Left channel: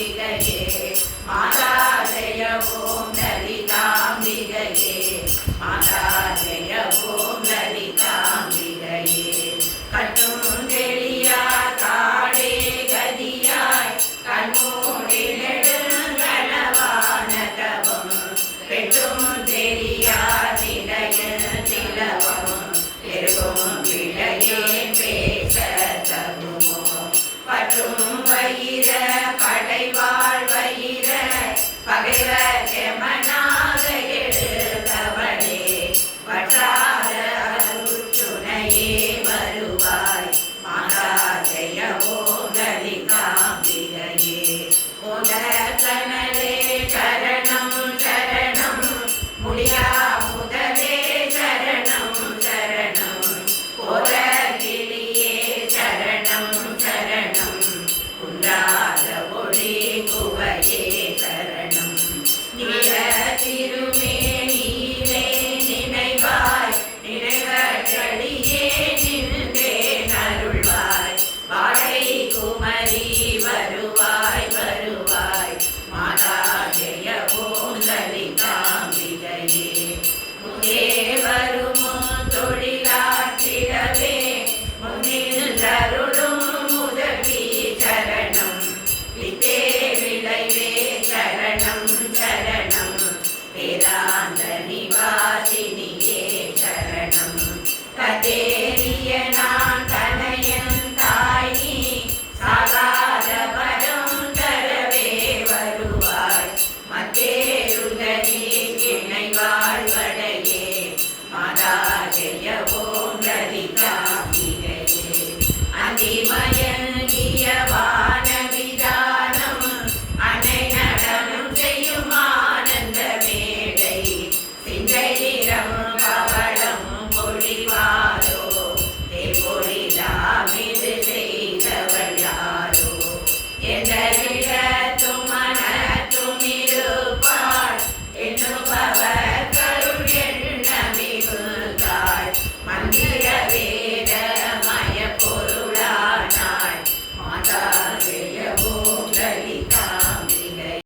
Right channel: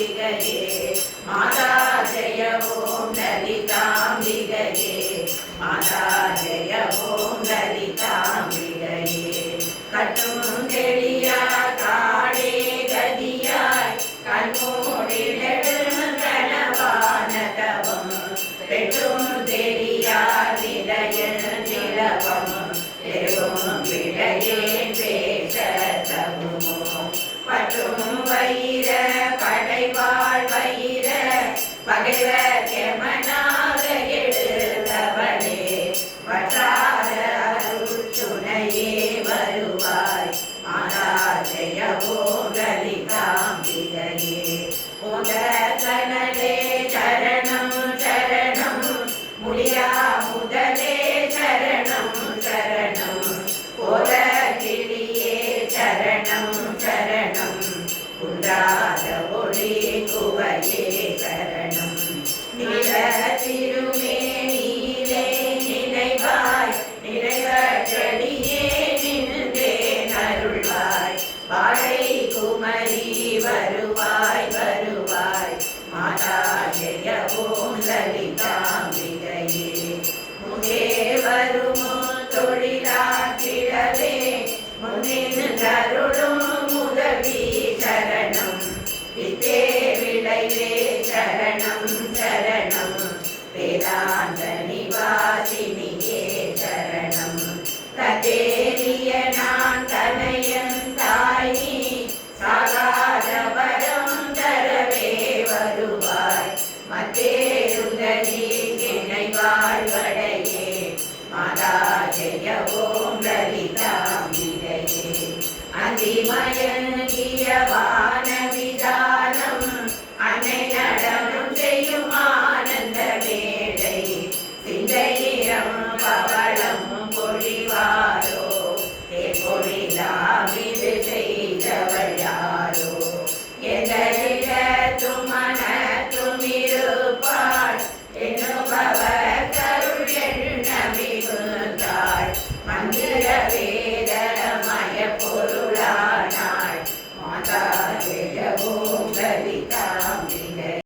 லலிதாம்பிகையே மாதா ஜெய ஓம் லலிதாம்பிகையே மாதா ஜெய ஓம் லலிதாம்பிகையே கட்டும் தெளியா காடே கதியாய் கண்மூடிலெடுங்களவான தவம் பெற்றும் தெரியா நிலைய நிலவம் பெரும் விளையே பேச தருமோ பற்றும் வயிற படைவாழ் வயிற பகைவ கெமனாக எடுத்தவளே வற்றாத அருச்சுனையே வருவாய் மாதா ஜெய ஓதலிகாம்பிகையே ஓத கனலே சரணம் சரணம் முடியா